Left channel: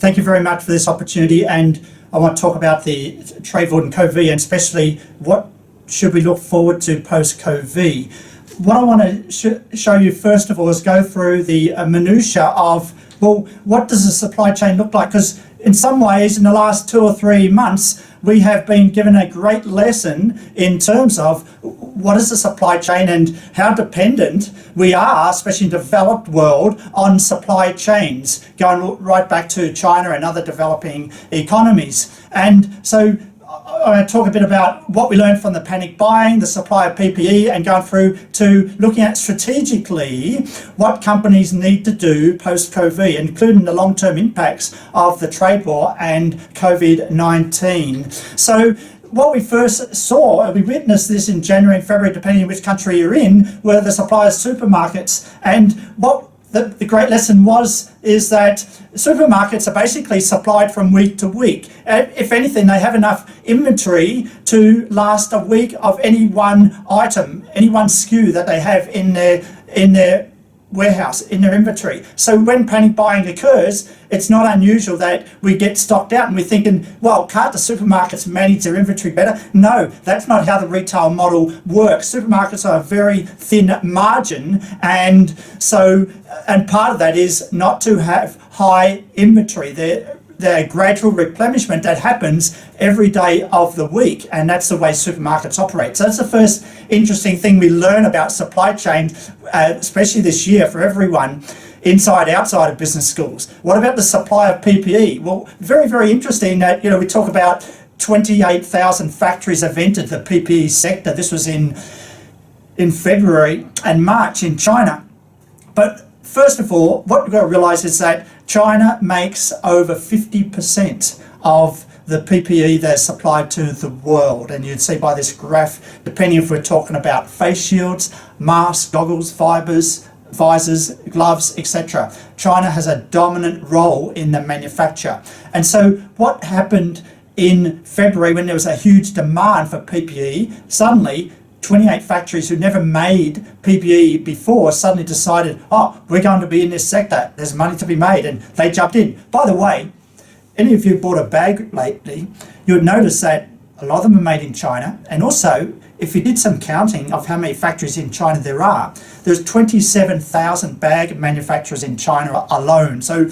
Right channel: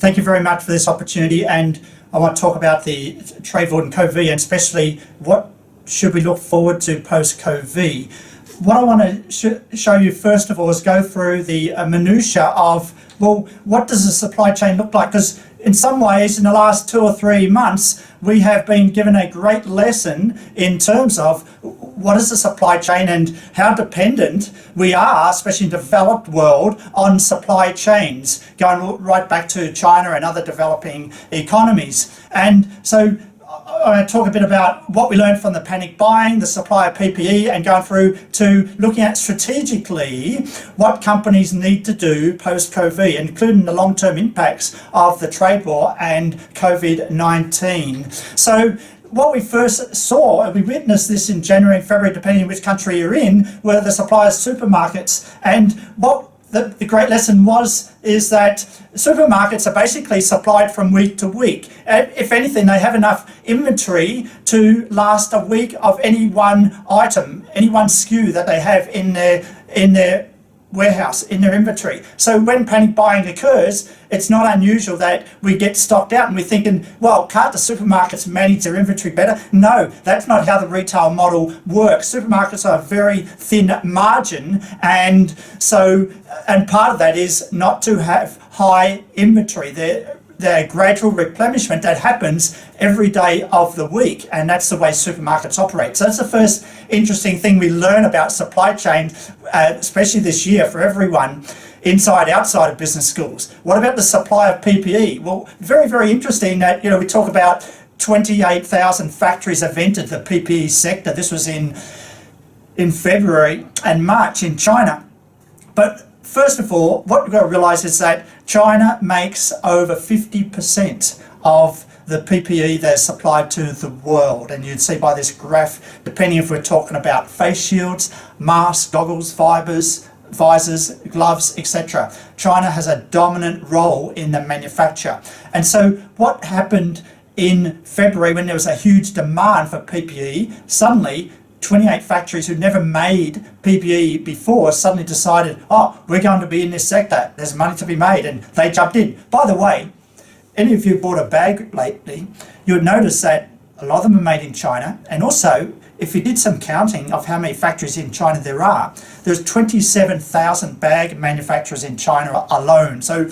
Thank you very much for this opportunity, and I want to talk about the trade war and COVID, and especially what should we look forward to post-COVID. What I want to show you first of all is go through the minutiae of, well, what does the supply chain look like? Because in some ways, in the last 2 or 3 months, we have been given a great lesson in terms of what is the supply chain and how dependent we are, especially in the developed world, on supply chains, going right back to China and other developing economies. And so I talk a bit about what we learned from the panic buying, the supply of PPE, and going through to looking at strategically what companies need to do post-COVID, including the long-term impacts of the trade war and COVID-19. So what we first saw, and we witnessed this in January and February, depending on which country you're in, were the supply of supermarkets. And what the great lesson is that supermarkets are basically supplied from week to week. And if anything, they have enough inventory to last a week of any one item, any one SKU that they have in their warehouse, in their inventory. So when panic buying occurs, it's not unusual that we get stocked out and we're thinking, well, can't the supermarkets manage their inventory better? No, that's not how the retail model works. Supermarkets are a very thin margin, and part of that is not to have high inventory. They're gradual replenishment that happens every day of the week, and that's the way supermarkets operate. So that's the first interesting thing we learn about supply chain, especially this year for everyone, inside, outside of business schools. What about the supply of PPE? Well, very, very interesting that, we talk about 28,000 factories have entered the PPE sector. This was in February and March in China. But first of all, what we've got to realise is that China makes over 50% of the PPE that's supplied to the world. And you'd see by this graph, depending if we're talking about face shields, masks, goggles, visors, gloves, etc. China has a dominant role in the manufacture. And so what happened in February when there was a huge demand for PPE, suddenly 28 factories who never made PPE before suddenly decided, we're going to be in this sector, there's money to be made, and they jumped in. By the way, any of you bought a bag lately, you'll notice that a lot of them are made in China, and also, if you did some counting of how many factories in China there are, there's 27,000 bag manufacturers in China alone. So,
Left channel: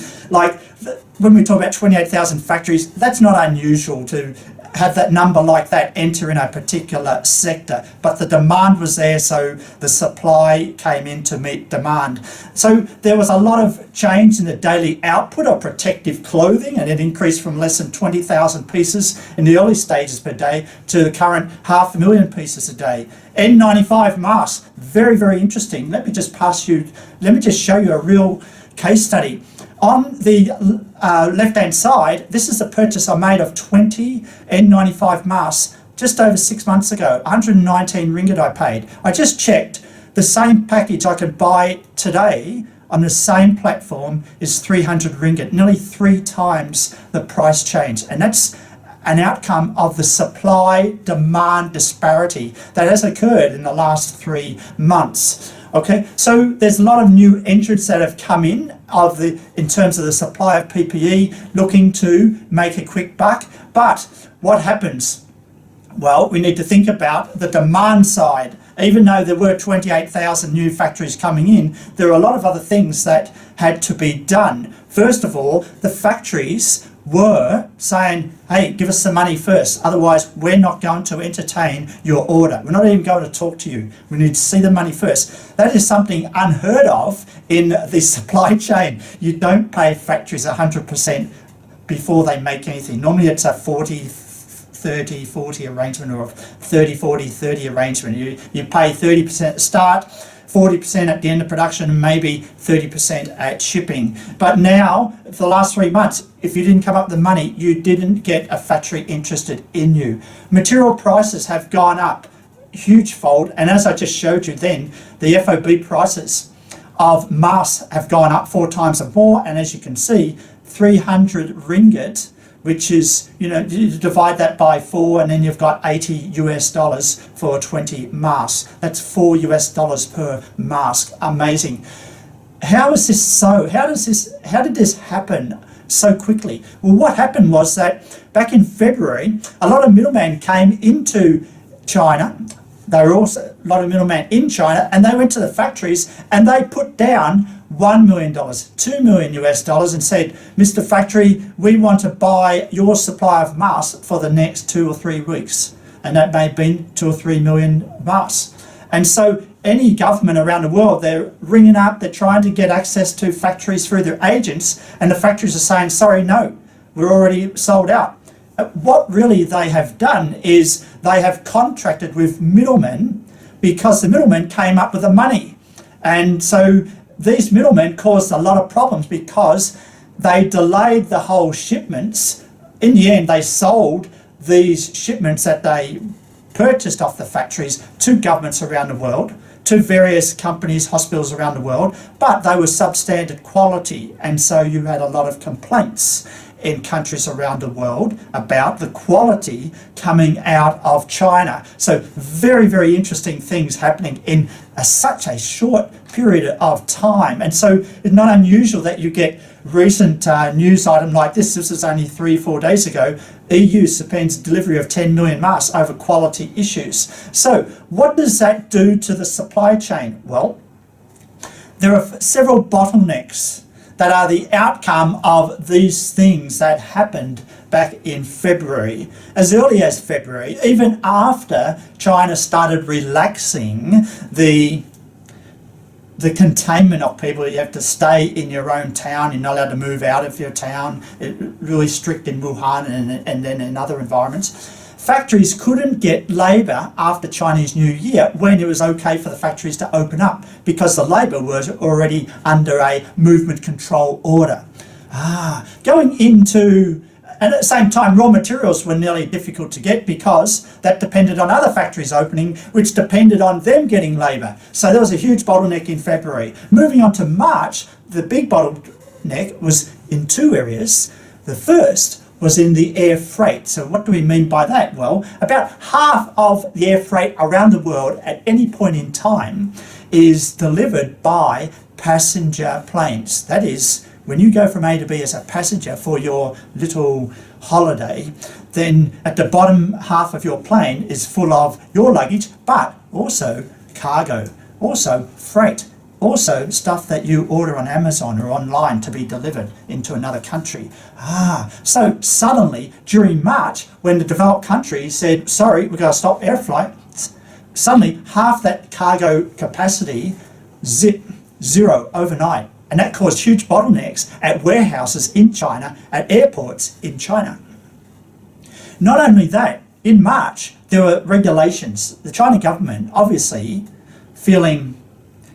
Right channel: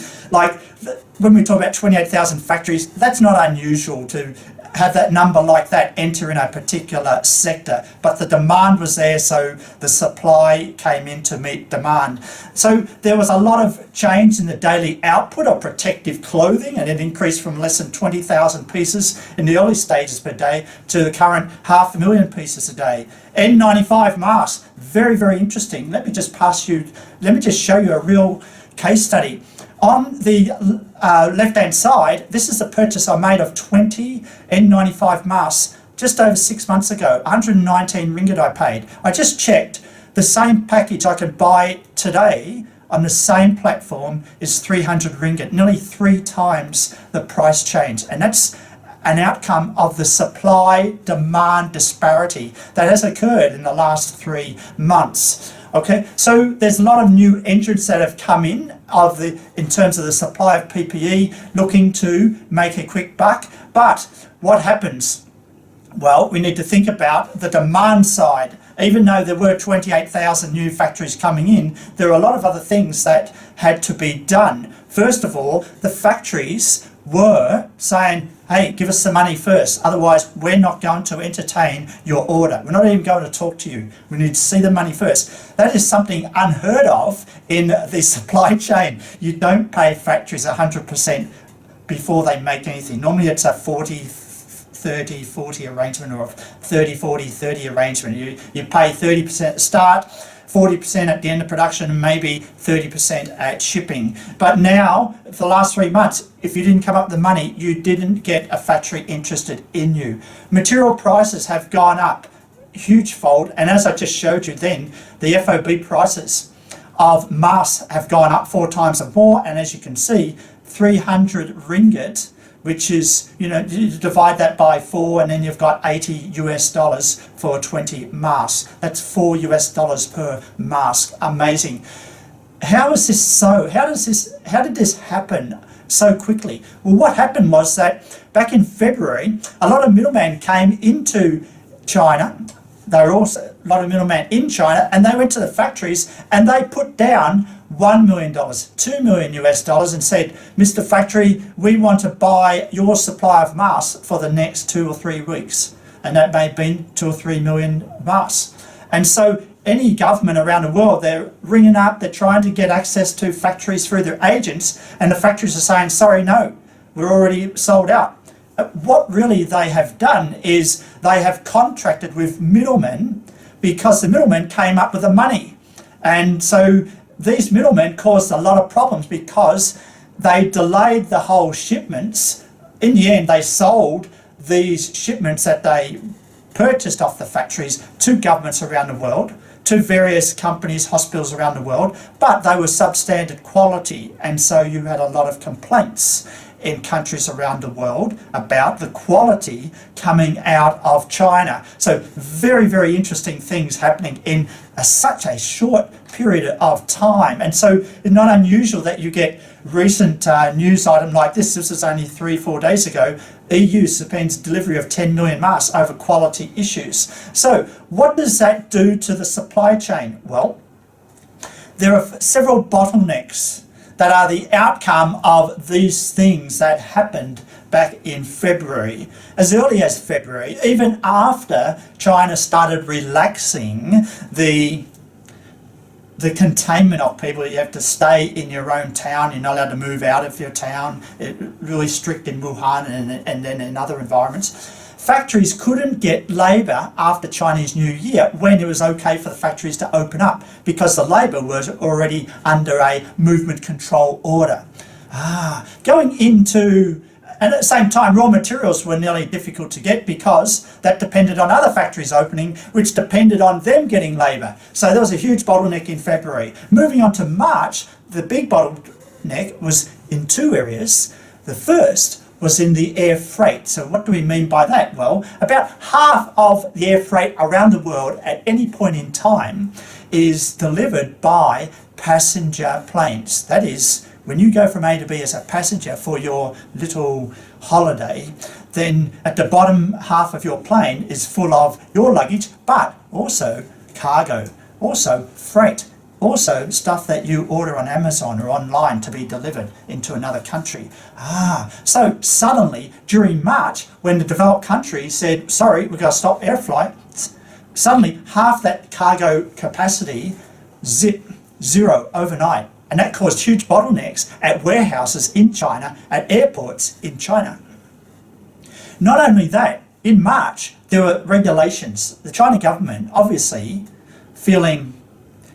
when we talk about 28,000 factories, that's not unusual to have that number like that enter in a particular sector, but the demand was there, so the supply came in to meet demand. So there was a lot of change in the daily output of protective clothing, and it increased from less than 20,000 pieces in the early stages per day to the current 500,000 pieces a day. N95 masks, very, very interesting. Let me just show you a real case study. On the left-hand side, this is the purchase I made of 20 N95 masks just over 6 months ago. 119 ringgit I paid. I just checked. The same package I could buy today on the same platform is 300 ringgit, nearly 3 times the price change. And that's an outcome of the supply-demand disparity that has occurred in the last 3 months. Okay, so there's a lot of new entrants that have come in terms of the supply of PPE, looking to make a quick buck. But what happens? Well, we need to think about the demand side. Even though there were 28,000 new factories coming in, there are a lot of other things that had to be done. First of all, the factories were saying, hey, give us the money first, otherwise we're not going to entertain your order. We're not even going to talk to you. We need to see the money first. That is something unheard of in the supply chain. You don't pay factories 100% before they make anything. Normally it's a 40-30-40 arrangement, or a 30-40-30 arrangement. You pay 30% at the start, 40% at the end of production, and maybe 30% at shipping. But now, for the last 3 months, if you didn't come up with the money, you didn't get a factory interested in you. Material prices have gone up huge fold, and as I just showed you then, the FOB prices of masks have gone up 4 times or more, and as you can see, 300 ringgit, which is, you divide that by 4, and then you've got $80 for 20 masks. That's $4 per mask. Amazing. How is this so? How did this happen so quickly. Well, what happened was that back in February, a lot of middlemen came into China. There were also a lot of middlemen in China, and they went to the factories and they put down $1 million, $2 million US dollars, and said, Mr. Factory, we want to buy your supply of masks for the next 2 or 3 weeks. And that may have been 2 or 3 million masks. And so any government around the world, they're ringing up, they're trying to get access to factories through their agents, and the factories are saying, sorry, no, we're already sold out. What really they have done is they have contracted with middlemen because the middlemen came up with the money. And so these middlemen caused a lot of problems because they delayed the whole shipments. In the end, they sold these shipments that they purchased off the factories to governments around the world, to various companies, hospitals around the world, but they were substandard quality. And so you had a lot of complaints in countries around the world about the quality coming out of China. So very, very interesting things happening in such a short period of time. And so it's not unusual that you get recent news item like this. This was only 3-4 days ago. EU suspends delivery of 10 million masks over quality issues. So what does that do to the supply chain? Well, there are several bottlenecks that are the outcome of these things that happened back in February. As early as February, even after China started relaxing the containment of people. You have to stay in your own town, you're not allowed to move out of your town, really strict in Wuhan and then in other environments. Factories couldn't get labour after Chinese New Year when it was okay for the factories to open up because the labour was already under a movement control order. Going into, and at the same time, raw materials were nearly difficult to get because that depended on other factories opening, which depended on them getting labour. So there was a huge bottleneck in February. Moving on to March, the big bottleneck was in 2 areas. The first was in the air freight. So what do we mean by that? Well, about half of the air freight around the world at any point in time is delivered by passenger planes. That is, when you go from A to B as a passenger for your little holiday, then at the bottom half of your plane is full of your luggage, but also cargo, also freight, also stuff that you order on Amazon or online to be delivered into another country. So suddenly during March, when the developed countries said, sorry, we're going to stop air flights, suddenly half that cargo capacity zero overnight. And that caused huge bottlenecks at warehouses in China, at airports in China. Not only that, in March, there were regulations. The China government, obviously feeling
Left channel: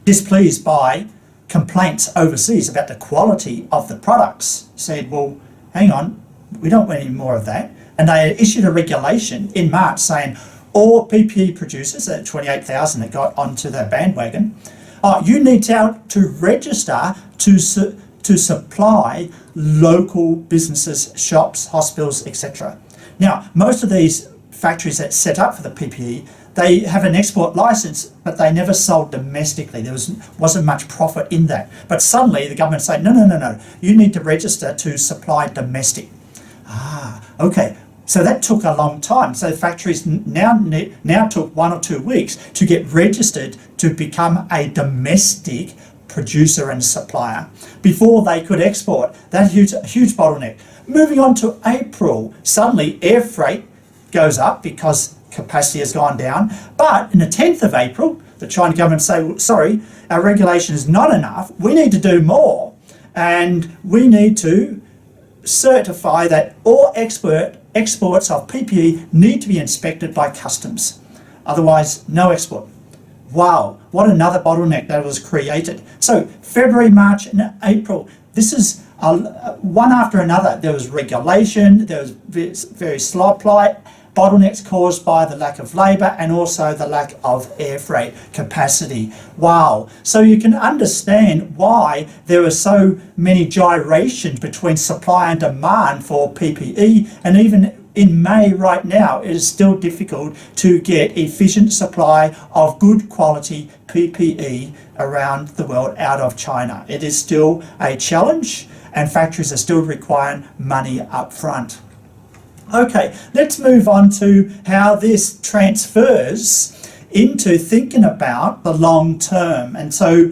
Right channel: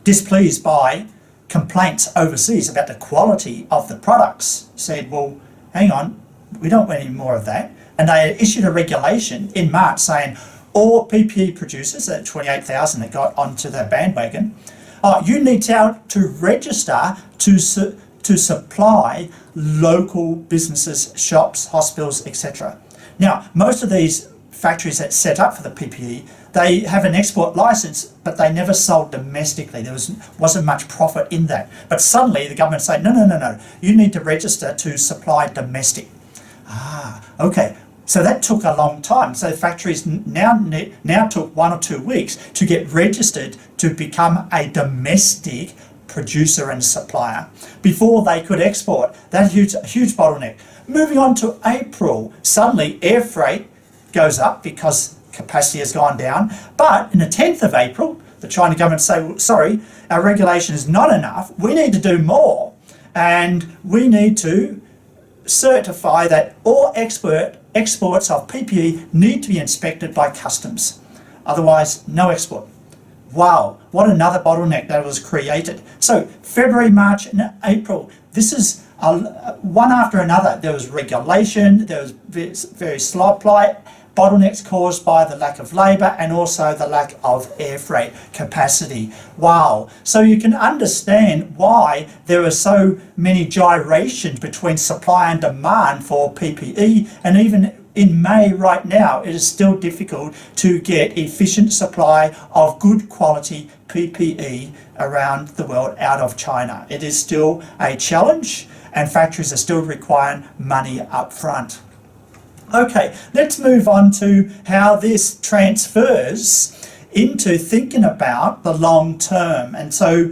displeased by complaints overseas about the quality of the products, said, well, hang on, we don't want any more of that. And they issued a regulation in March saying all PPE producers, that 28,000 that got onto the bandwagon, you need to register to supply local businesses, shops, hospitals, etc. Now, most of these factories that set up for the PPE, they have an export license, but they never sold domestically. There wasn't much profit in that. But suddenly the government said, no, you need to register to supply domestic. Okay. So that took a long time. So factories now took 1 or 2 weeks to get registered to become a domestic producer and supplier before they could export. That's a huge bottleneck. Moving on to April, suddenly air freight goes up because capacity has gone down. But in the 10th of April, the China government say, well, sorry, our regulation is not enough. We need to do more. And we need to certify that all exports of PPE need to be inspected by customs. Otherwise, no export. Wow, what another bottleneck that was created. So February, March, and April, this is one after another. There was regulation, there was various supply bottlenecks caused by the lack of labour and also the lack of air freight capacity. Wow. So you can understand why there are so many gyrations between supply and demand for PPE, and even in May right now, it is still difficult to get efficient supply of good quality PPE around the world out of China. It is still a challenge, and factories are still requiring money up front. Okay, let's move on to how this transfers into thinking about the long term. And so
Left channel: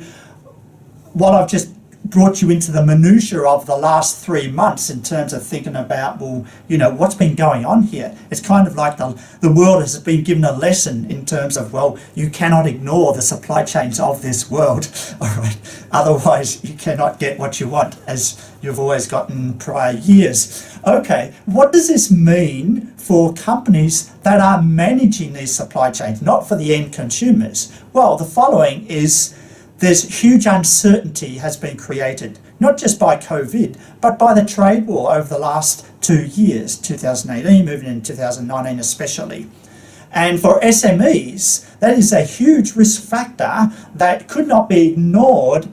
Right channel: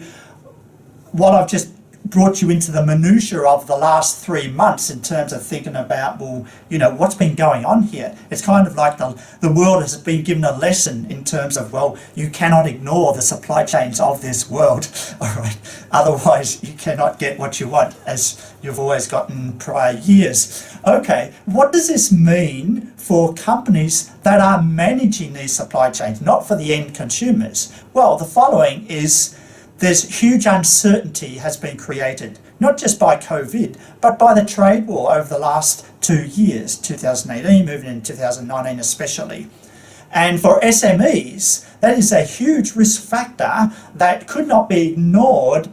while I've just brought you into the minutiae of the last 3 months in terms of thinking about, well, what's been going on here? It's kind of like the world has been given a lesson in terms of, well, you cannot ignore the supply chains of this world. All right. Otherwise, you cannot get what you want, as you've always gotten prior years. Okay, what does this mean for companies that are managing these supply chains, not for the end consumers? Well, the following is, there's huge uncertainty has been created, not just by COVID, but by the trade war over the last 2 years, 2018, moving into 2019 especially. And for SMEs, that is a huge risk factor that could not be ignored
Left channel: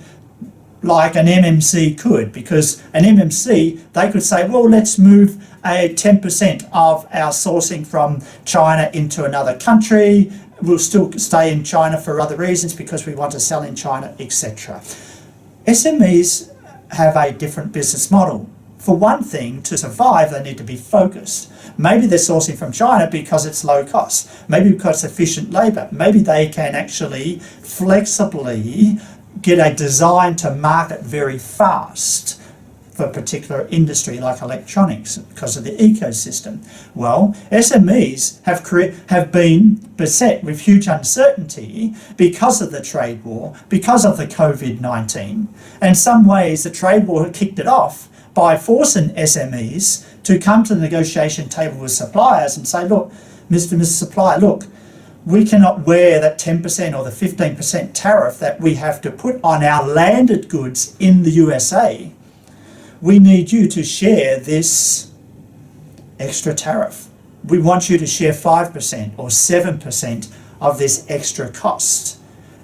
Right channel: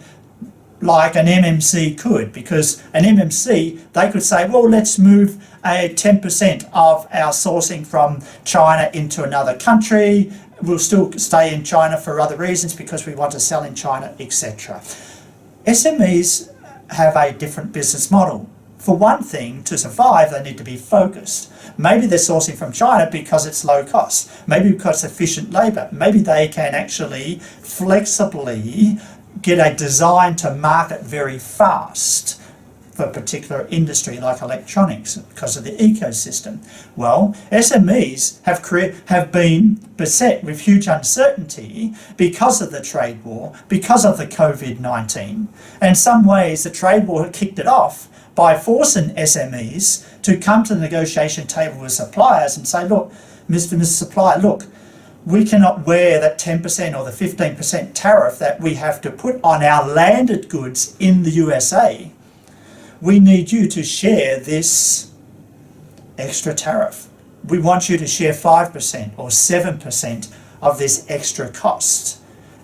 like an MMC could, because an MMC, they could say, well, let's move 10% of our sourcing from China into another country. We'll still stay in China for other reasons because we want to sell in China, etc. SMEs have a different business model. For one thing, to survive, they need to be focused. Maybe they're sourcing from China because it's low cost. Maybe because it's efficient labour. Maybe they can actually flexibly get a design to market very fast for a particular industry like electronics because of the ecosystem. Well, SMEs have been beset with huge uncertainty because of the trade war, because of the Covid-19. In some ways, the trade war had kicked it off by forcing SMEs to come to the negotiation table with suppliers and say, look, Mr. Supplier, look, we cannot wear that 10% or the 15% tariff that we have to put on our landed goods in the USA. We need you to share this extra tariff. We want you to share 5% or 7% of this extra cost.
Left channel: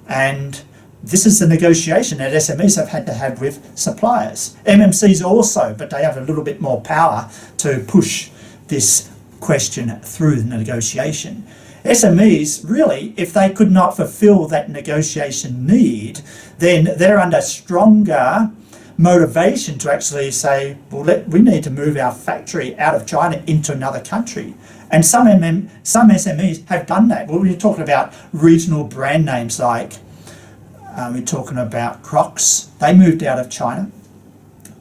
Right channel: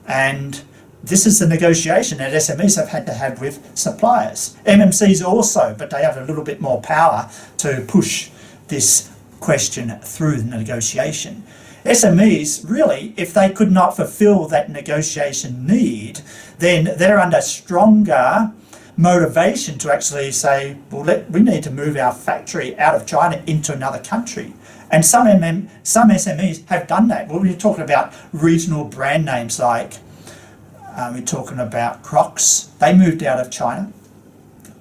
And this is the negotiation that SMEs have had to have with suppliers. MMCs also, but they have a little bit more power to push this question through the negotiation. SMEs, really, if they could not fulfill that negotiation need, then they're under stronger motivation to actually say, well, we need to move our factory out of China into another country. And some SMEs have done that. Well, we're talking about regional brand names like, we're talking about Crocs. They moved out of China.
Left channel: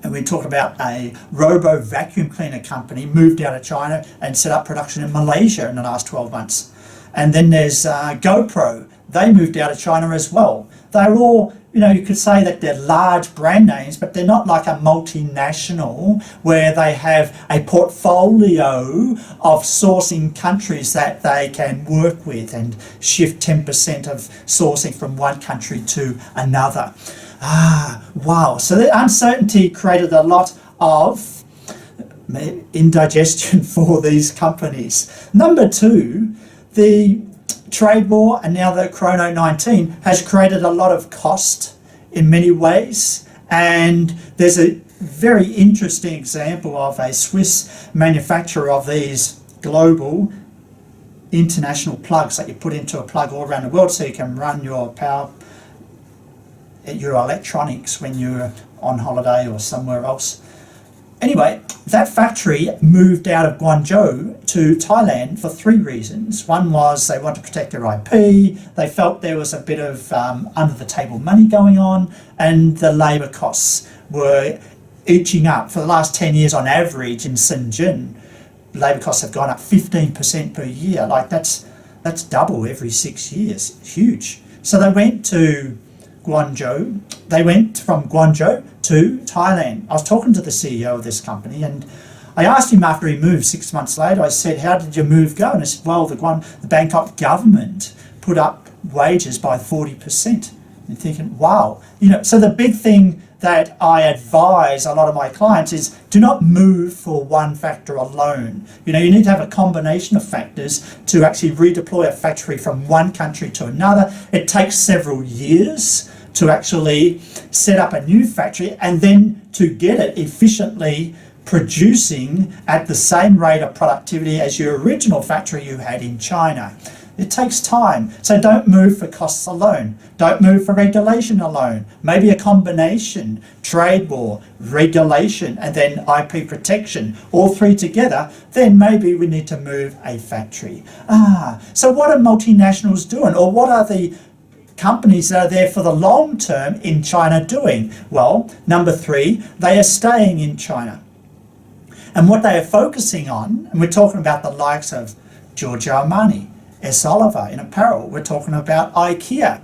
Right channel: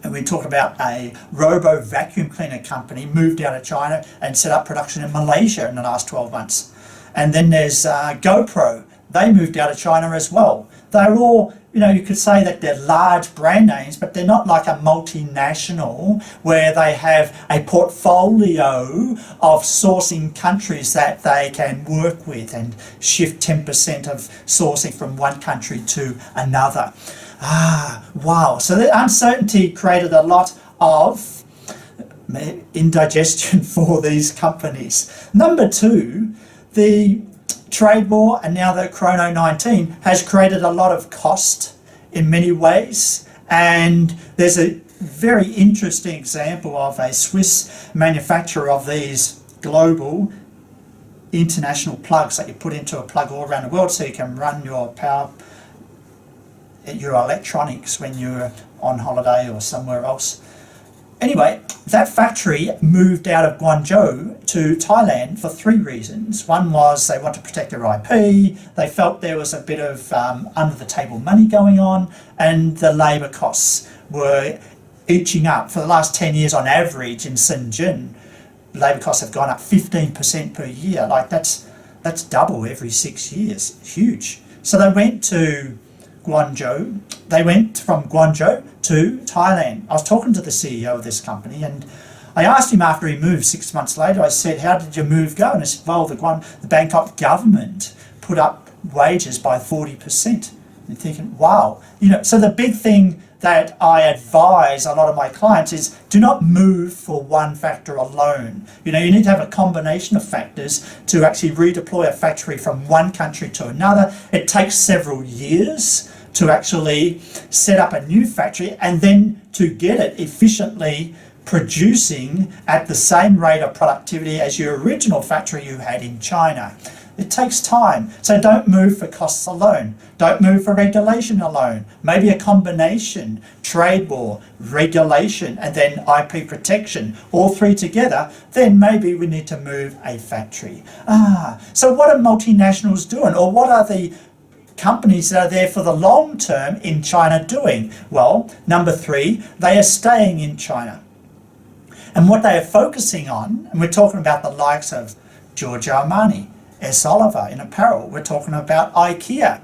And we talk about a robo vacuum cleaner company moved out of China and set up production in Malaysia in the last 12 months. And then there's GoPro. They moved out of China as well. They're all, you could say that they're large brand names, but they're not like a multinational where they have a portfolio of sourcing countries that they can work with and shift 10% of sourcing from one country to another. Wow. So the uncertainty created a lot of indigestion for these companies. Number two, the trade war and now the Corona-19 has created a lot of cost in many ways. And there's a very interesting example of a Swiss manufacturer of these global international plugs that you put into a plug all around the world so you can run your electronics when you're on holiday or somewhere else. Anyway, that factory moved out of Guangzhou to Thailand for 3 reasons. One was they wanted to protect their IP, they felt there was a bit of under-the-table money going on, and the labour costs were inching up. For the last 10 years on average in Shenzhen, labour costs have gone up 15% per year. Like that's double every 6 years. It's huge. So they went to Guangzhou. They went from Guangzhou to Thailand. I was talking to the CEO of this company and I asked him after he moved 6 months later, I said, how did your move go? And he said, well, the Bangkok government put up wages by 40%. You're thinking, wow. So the big thing that I advise a lot of my clients is do not move for one factor alone. You need to have a combination of factors to actually redeploy a factory from one country to another. It takes several years to actually set up a new factory and then to get it efficiently producing at the same rate of productivity as your original factory you had in China. It takes time. So don't move for costs alone. Don't move for regulation alone. Maybe a combination, trade war, regulation, and then IP protection, all three together, then maybe we need to move a factory. So what are multinationals doing? Or what are the companies that are there for the long term in China doing? Well, number 3, they are staying in China. And what they are focusing on, and we're talking about the likes of Giorgio Armani, S. Oliver in apparel, we're talking about IKEA,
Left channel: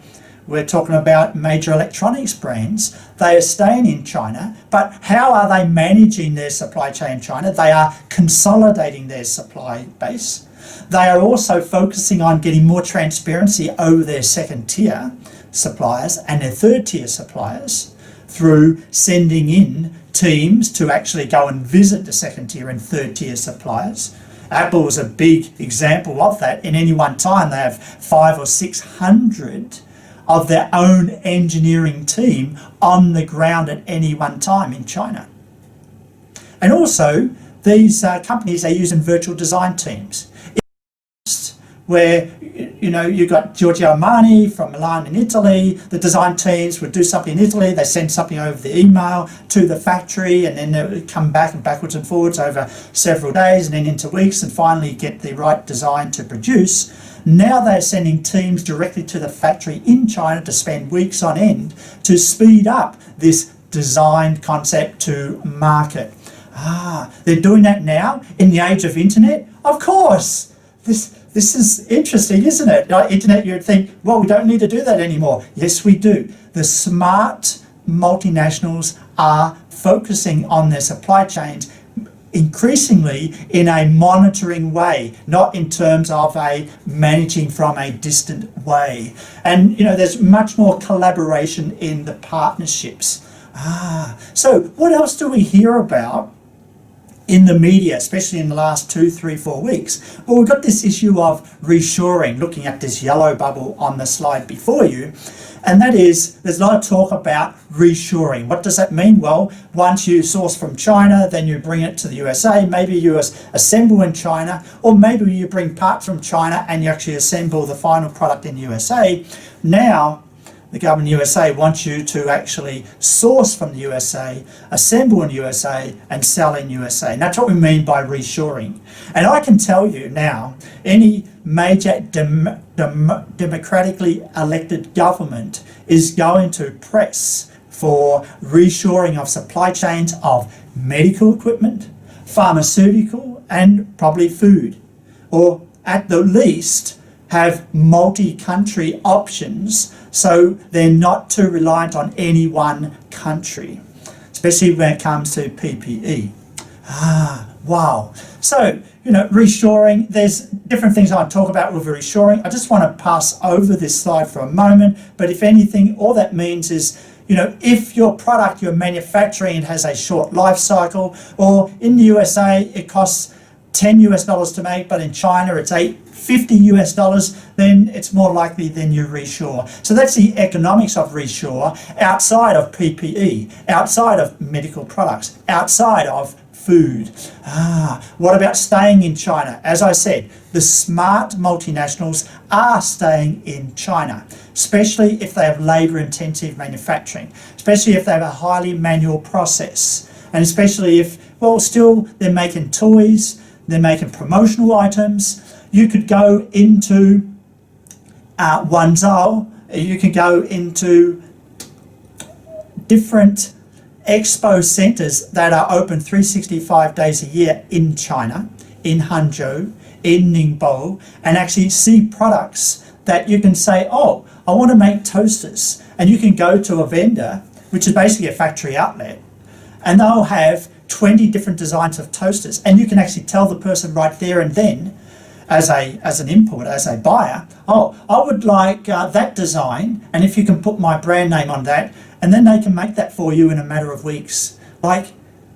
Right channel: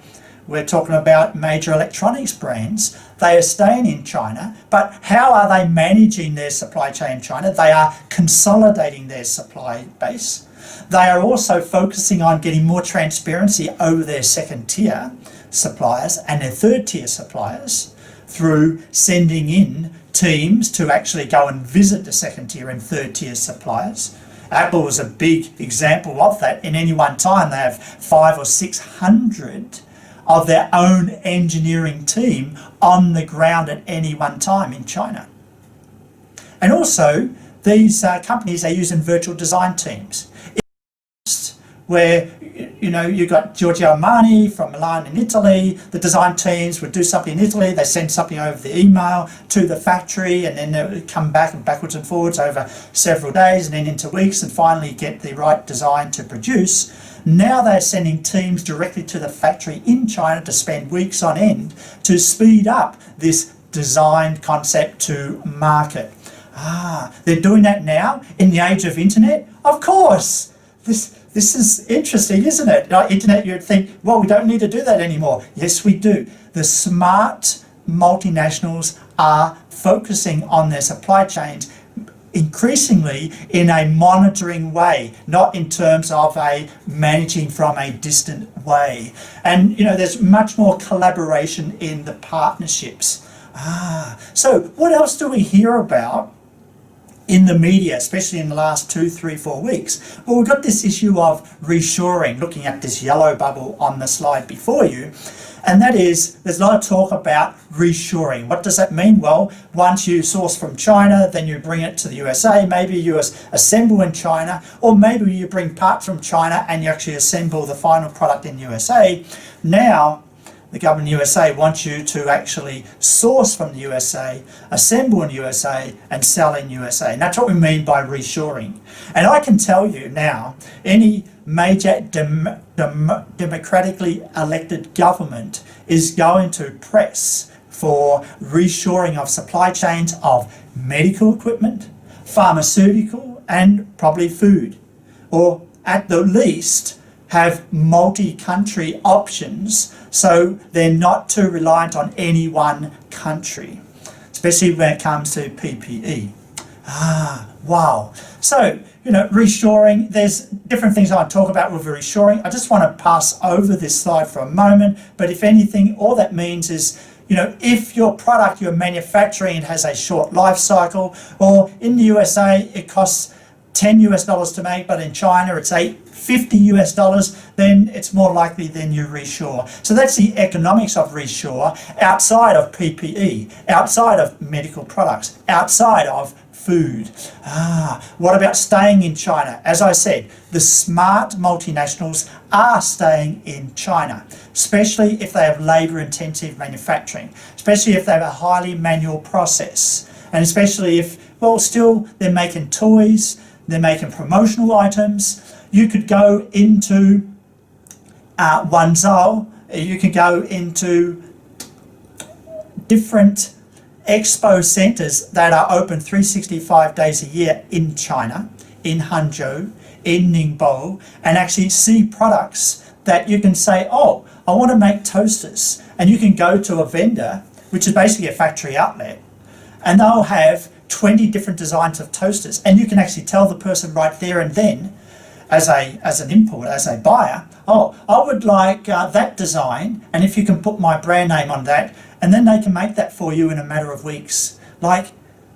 we're talking about major electronics brands. They are staying in China, but how are they managing their supply chain in China? They are consolidating their supply base. They are also focusing on getting more transparency over their second tier suppliers and their third tier suppliers through sending in teams to actually go and visit the second tier and third tier suppliers. Apple is a big example of that. In any one time, they have 500 or 600 of their own engineering team on the ground at any one time in China. And also, these companies are using virtual design teams, where you've got Giorgio Armani from Milan in Italy. The design teams would do something in Italy, they send something over the email to the factory, and then they would come back and backwards and forwards over several days and then into weeks and finally get the right design to produce. Now they're sending teams directly to the factory in China to spend weeks on end to speed up this design concept to market. They're doing that now in the age of internet? Of course. This is interesting, isn't it? Internet, you would think, well, we don't need to do that anymore. Yes, we do. The smart multinationals are focusing on their supply chains increasingly in a monitoring way, not in terms of a managing from a distant way. And, there's much more collaboration in the partnerships. So what else do we hear about in the media, especially in the last 2, 3, 4 weeks? Well, we've got this issue of reshoring, looking at this yellow bubble on the slide before you, and that is, there's a lot of talk about reshoring. What does that mean? Well, once you source from China, then you bring it to the USA, maybe you assemble in China, or maybe you bring parts from China and you actually assemble the final product in the USA. Now, the government of the USA wants you to actually source from the USA, assemble in the USA, and sell in the USA. And that's what we mean by reshoring. And I can tell you now, any major democratically elected government is going to press for reshoring of supply chains of medical equipment, pharmaceutical, and probably food. Or at the least, have multi-country options so they're not too reliant on any one country, especially when it comes to PPE. Wow. So, reshoring, there's different things I talk about with reshoring. I just want to pass over this slide for a moment, but if anything, all that means is, if your product you're manufacturing has a short life cycle, or in the USA it costs $10 to make, but in China it's $50, then it's more likely then you reshore. So that's the economics of reshore outside of PPE, outside of medical products, outside of food. What about staying in China? As I said, the smart multinationals are staying in China, especially if they have labor-intensive manufacturing, especially if they have a highly manual process, and especially if, still they're making toys, they're making promotional items. You could go into Guangzhou, you could go into different expo centers that are open 365 days a year in China, in Hangzhou, in Ningbo, and actually see products that you can say, oh, I want to make toasters. And you can go to a vendor, which is basically a factory outlet, and they'll have 20 different designs of toasters. And you can actually tell the person right there and then, as an importer, as a buyer, oh, I would like that design, and if you can put my brand name on that, and then they can make that for you in a matter of weeks. Like,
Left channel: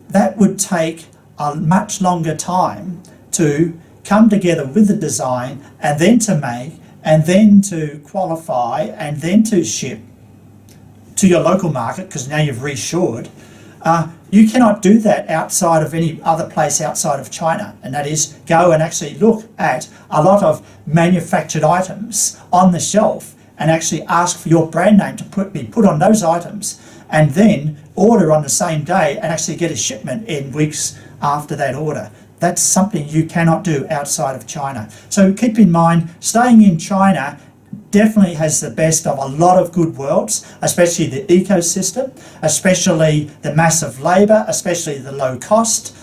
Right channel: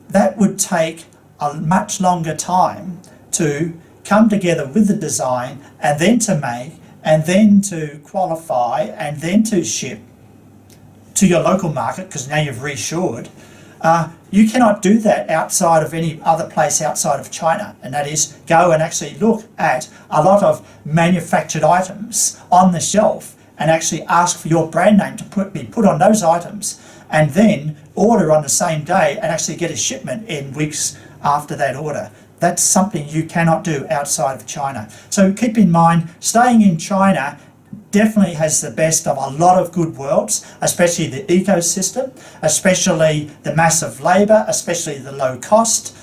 that would take a much longer time to come together with the design, and then to make, and then to qualify, and then to ship to your local market, because now you've reshored. You cannot do that outside of any other place outside of China, and that is go and actually look at a lot of manufactured items on the shelf and actually ask for your brand name to be put on those items, and then order on the same day and actually get a shipment in weeks after that order. That's something you cannot do outside of China. So keep in mind, staying in China definitely has the best of a lot of good worlds, especially the ecosystem, especially the massive labour, especially the low cost.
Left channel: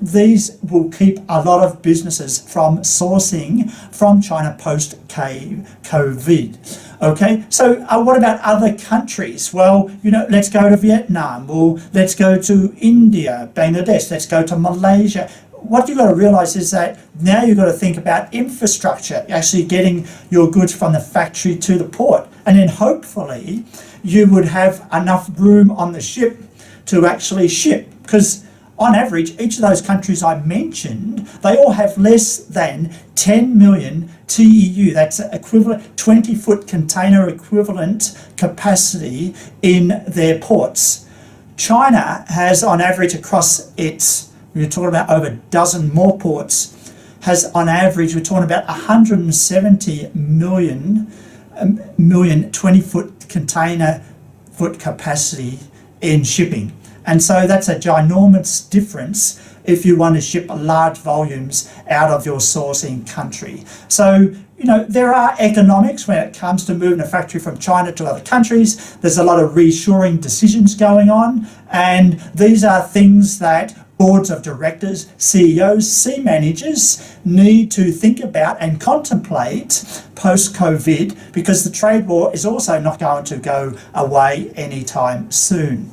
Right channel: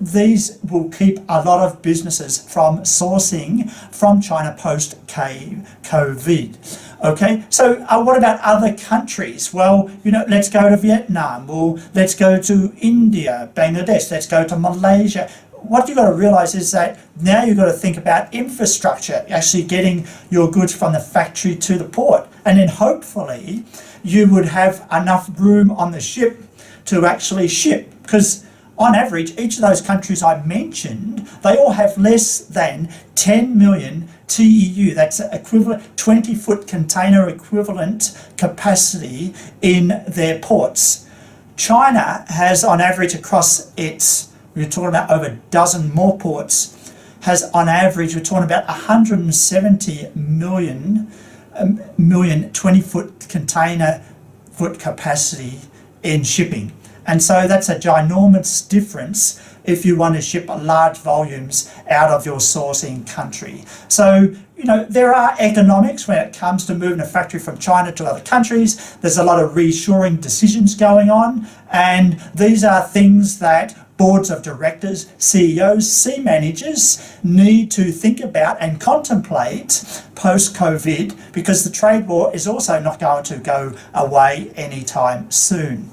These will keep a lot of businesses from sourcing from China post-COVID. Okay, so what about other countries? Well, let's go to Vietnam, or let's go to India, Bangladesh, let's go to Malaysia. What you've got to realise is that now you've got to think about infrastructure, actually getting your goods from the factory to the port. And then hopefully you would have enough room on the ship to actually ship, because on average, each of those countries I mentioned, they all have less than 10 million TEU, that's equivalent 20-foot container equivalent capacity in their ports. China has on average across its, we're talking about over a dozen more ports, has on average, we're talking about 170 million 20-foot container foot capacity in shipping. And so that's a ginormous difference if you want to ship large volumes out of your sourcing country. So, there are economics when it comes to moving a factory from China to other countries. There's a lot of reshoring decisions going on. And these are things that boards of directors, CEOs, C-managers need to think about and contemplate post-COVID, because the trade war is also not going to go away anytime soon.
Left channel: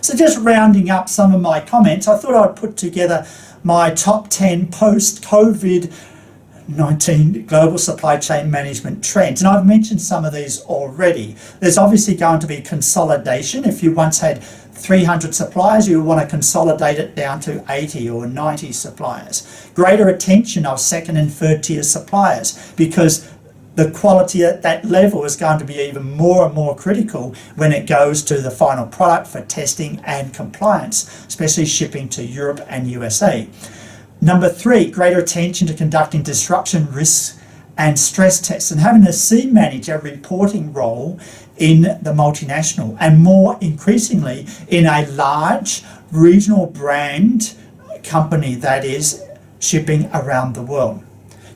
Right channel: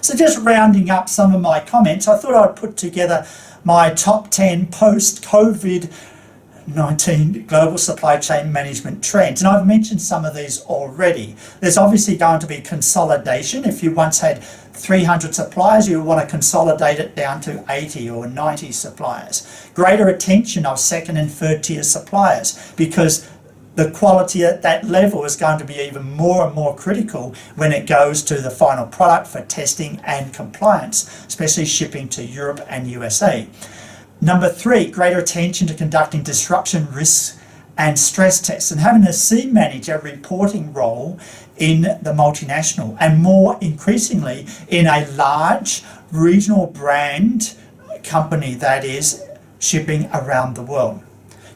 So just rounding up some of my comments, I thought I'd put together my top 10 post-COVID-19 global supply chain management trends. And I've mentioned some of these already. There's obviously going to be consolidation. If you once had 300 suppliers, you'll want to consolidate it down to 80 or 90 suppliers. Greater attention of second and third tier suppliers, because the quality at that level is going to be even more and more critical when it goes to the final product for testing and compliance, especially shipping to Europe and USA. Number 3, greater attention to conducting disruption risks and stress tests, and having a C manager reporting role in the multinational, and more increasingly in a large regional brand company that is shipping around the world.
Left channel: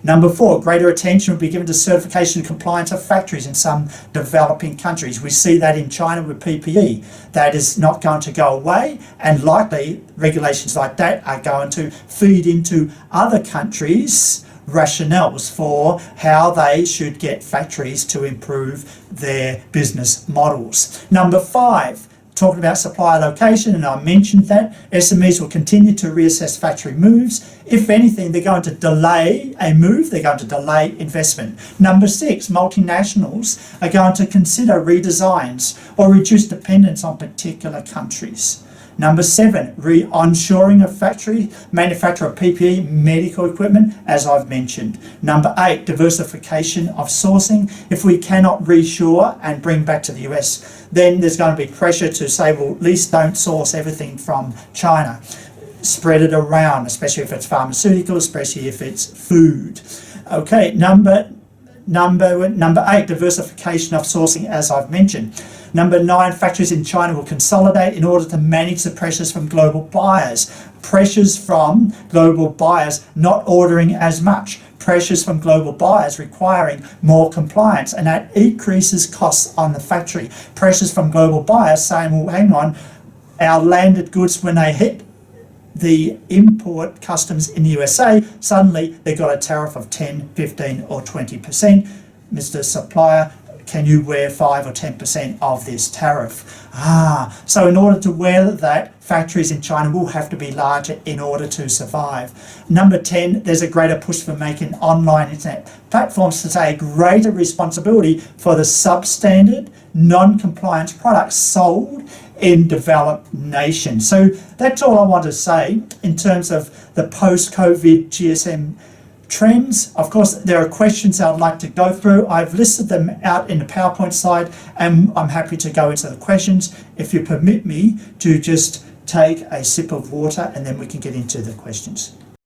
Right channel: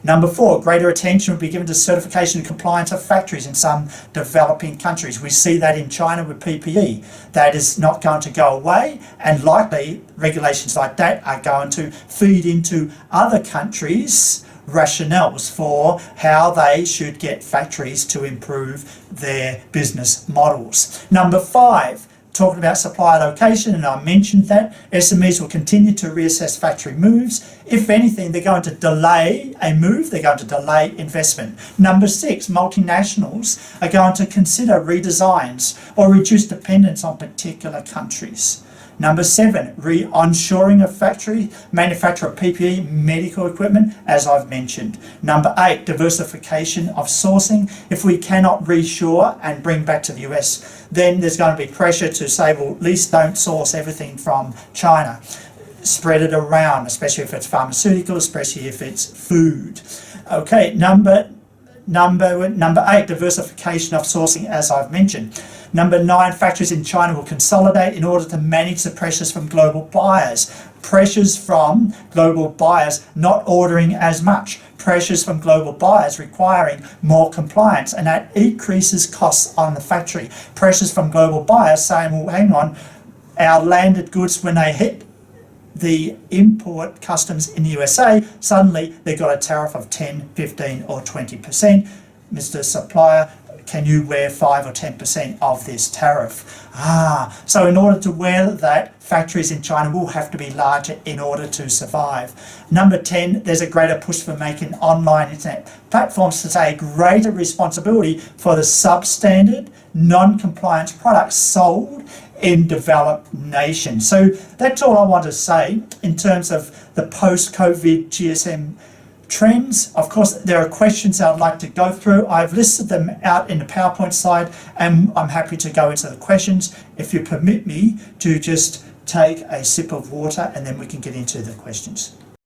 Number 4, greater attention will be given to certification and compliance of factories in some developing countries. We see that in China with PPE. That is not going to go away, and likely regulations like that are going to feed into other countries' rationales for how they should get factories to improve their business models. Number 5, talking about supply location, and I mentioned that SMEs will continue to reassess factory moves. If anything, they're going to delay a move, they're going to delay investment. Number 6, multinationals are going to consider redesigns or reduce dependence on particular countries. Number 7, onshoring of factory, manufacture of PPE, medical equipment, as I've mentioned. Number 8, diversification of sourcing. If we cannot reshore and bring back to the US, then there's going to be pressure to say, well, at least don't source everything from China. Spread it around, especially if it's pharmaceutical, especially if it's food. Okay, number 8, diversification of sourcing, as I've mentioned. Number 9, factories in China will consolidate in order to manage the pressures from global buyers. Pressures from global buyers not ordering as much. Pressures from global buyers requiring more compliance, and that increases costs on the factory. Pressures from global buyers saying, well, hang on, our landed goods, when they hit the import customs in the USA, suddenly they got a tariff of 10, 15 or 20%. Mr. Supplier, can you wear 5 or 10% of this tariff? So in order to wear that, factories in China will have to be larger in order to survive. Number 10, there's a greater push for making online internet platforms to take greater responsibility for the substandard, non-compliant products sold in developed nations. So that's all I want to say in terms of the post-COVID GSM trends. Of course, there are questions I'd like to go through. I've listed them out in the PowerPoint slide, and I'm happy to go into the questions. If you permit me to just take a sip of water, and then we can get into the questions.